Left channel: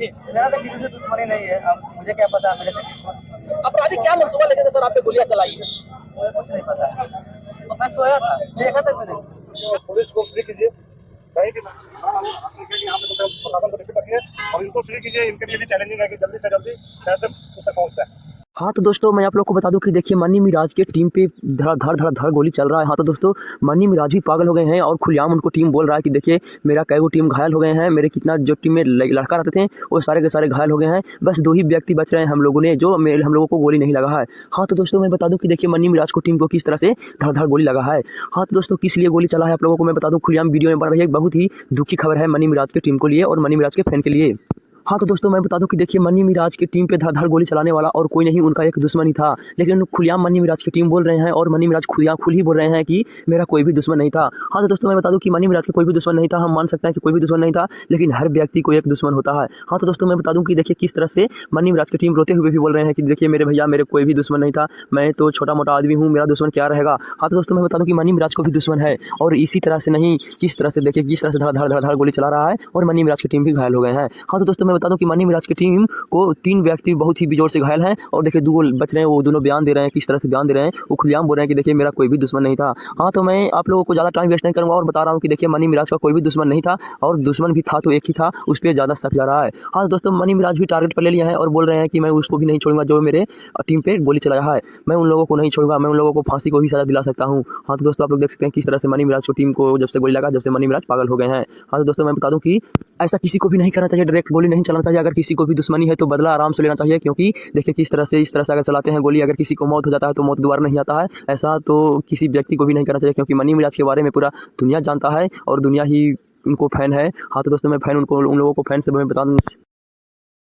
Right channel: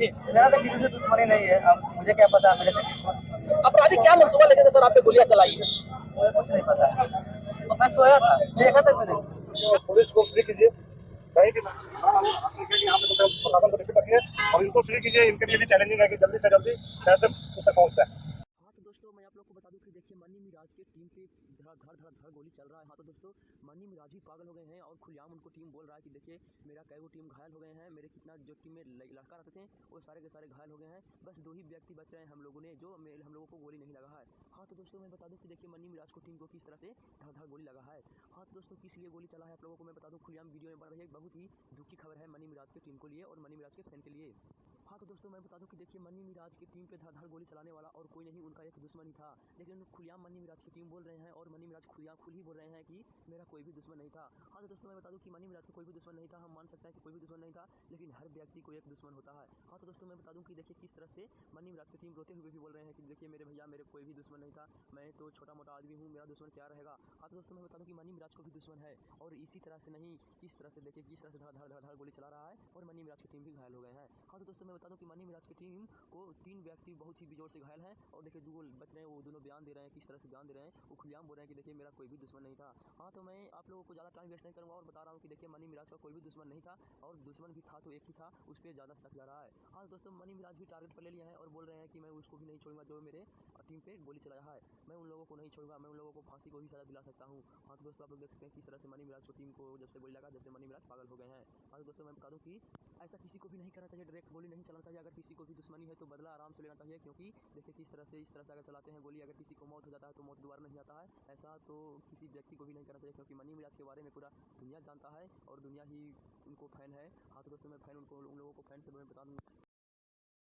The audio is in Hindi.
जी। मेरा तो किसी से दुश्मनी नहीं है, अब मुझे क्या पता मेरे से किसको दुश्मनी है। अपराधी क्या मंसूबा लेके थे सर आप पे गोलियां चलाई है? मुझे कुछ नहीं पता। तो मैं सोया था, देखा था मैंने। पुलिस को फ्री कीजिए, कहीं भी यहाँ पे प्रशासन को रिपोर्ट रखिए और इनको फ्री कीजिए। इनके लिए भी चैलेंजिंग है कि जल्दी से जल्दी कैसे उस तक पहुँचता है। हाँ तो दोस्तों मैं आप लोग को बता दूं कि देखिए मन्नी मिराज के टीम पे धड़ धड़ धड़ धड़ गोली चल रहा है। हाँ तो दोस्तों मन्नी मिराज भी पागल हो गए हैं और खुलेआम उनको टीम बोल रहा है कि देखिए मेरा कई गो टीम घायल हो गए हैं, मेरे कितना जो टीम में लड़का रहते थे वो सारे के सारे घायल हो गए हैं, बस 2 ही व्यक्ति बच रहे हैं हम लोगों ने जो हम लोगों को गोली नहीं लगा है। हाँ तो दोस्तों मैं बता दूं कि देखिए मन्नी मिराज को टीम को किस तरह से धड़ धड़ गोली लगा है। हाँ तो दोस्तों किस लिए गोली चला है आप लोगों को मैं बता दूं, खुलेआम वीडियो में बन रही है। एक बहुत ही दुखी खबर है मन्नी मिराज की टीम को लिए और मन्नी मिराज के फैन के लिए। हाँ तो दोस्तों मैं बता दूं कि देखिए मन्नी मिराज की टीम पे धड़-धड़ गोली चलाने वाला और कोई नहीं, उनका एक दुश्मन ही था। लेकिन खुलेआम मन्नी मिराज की टीम बोल रहे हैं और मन्नी मिराज खुल ही बोल रहे हैं कि मेरा कोई भी दुश्मन नहीं था। हाँ तो दोस्तों मैं बता दूं कि मन्नी मिराज का कोई भी दुश्मन नहीं था। हम मान सकते हैं कि कोई भी दुश्मन नहीं था, लेकिन हर व्यक्ति को एक दुश्मन होता है। हाँ तो दोस्तों मैं बता दूं कि देखिए किस तरह से मन्नी मिराज की टीम रोते हुए भी बोल रहे हैं कि देखिए मेरे भैया मेरे कोई भी दुश्मन नहीं था, मैं तो छोटा-मोटा आदमी हूँ, मेरा दुश्मन क्या रहेगा। हाँ तो दोस्तों मैं बता दूं कि मन्नी मिराज को भी दुश्मन है और इसी तरह से नहीं, किस तरह से देखिए किस तरह से धड़-धड़ गोली चला रहा है और मन्नी मिराज की टीम भी घायल हो गए हैं। हाँ तो दोस्तों मैं बता दूं कि मन्नी मिराज की टीम को 3 व्यक्ति बहुत ही बेजोर से घायल हैं और देखिए 2 बच रहे हैं, वो दोनों बयान दे रहे हैं। किस तरह से बयान दे रहे हैं, वो खुलेआम बोल रहे हैं कि देखिए मेरा कोई भी दुश्मन नहीं था। हाँ तो मैं आप लोगों को ज़्यादा टाइम वेस्ट नहीं करूँगा और बता रहा हूँ कि देखिए मन्नी मिराज का कोई भी दुश्मन नहीं था और दुश्मन भी था तो एक ही था, उस पर ज़्यादा शक जा रहा है। हाँ तो दोस्तों मन्नी मिराज भी टारगेट पर ले लिया है और बोल रहे हैं कि मैं उसको भी नहीं छोड़ूंगा जो मेरे टीम पे गोली चलाया है, मैं उन लोगों को नहीं छोड़ूंगा, मैं उन लोगों को फांसी को भी सजा दिला सकता हूँ। हाँ तो दोस्तों आप लोग देख सकते हैं किस तरह से मन्नी मिराज को टीम को जब से गोली लगा, जब से मन्नी मिराज पागल हो गए हैं। हाँ तो दोस्तों मैं बता दूं कि ऐसा किसी को भी नहीं करना चाहिए, डायरेक्ट गोली नहीं चलाना चाहिए। अगर किसी को भी दुश्मनी है तो बदला आराम से लेना चाहिए, क्योंकि देखिए किस तरह से इस तरह से अगर चलाते हैं गोली, अगर किसी को मौत हो जाता है तो मौत दोबारा नहीं आता है। ऐसा तो किसी व्यक्ति को भी नहीं करना चाहिए, क्योंकि मन्नी मिराज के बारे में पूरा दुनिया जानता है और दुनिया ही उनको फैन है। हाँ तो दोस्तों मैं फैन उन लोगों को फैन से मैं बता दूँ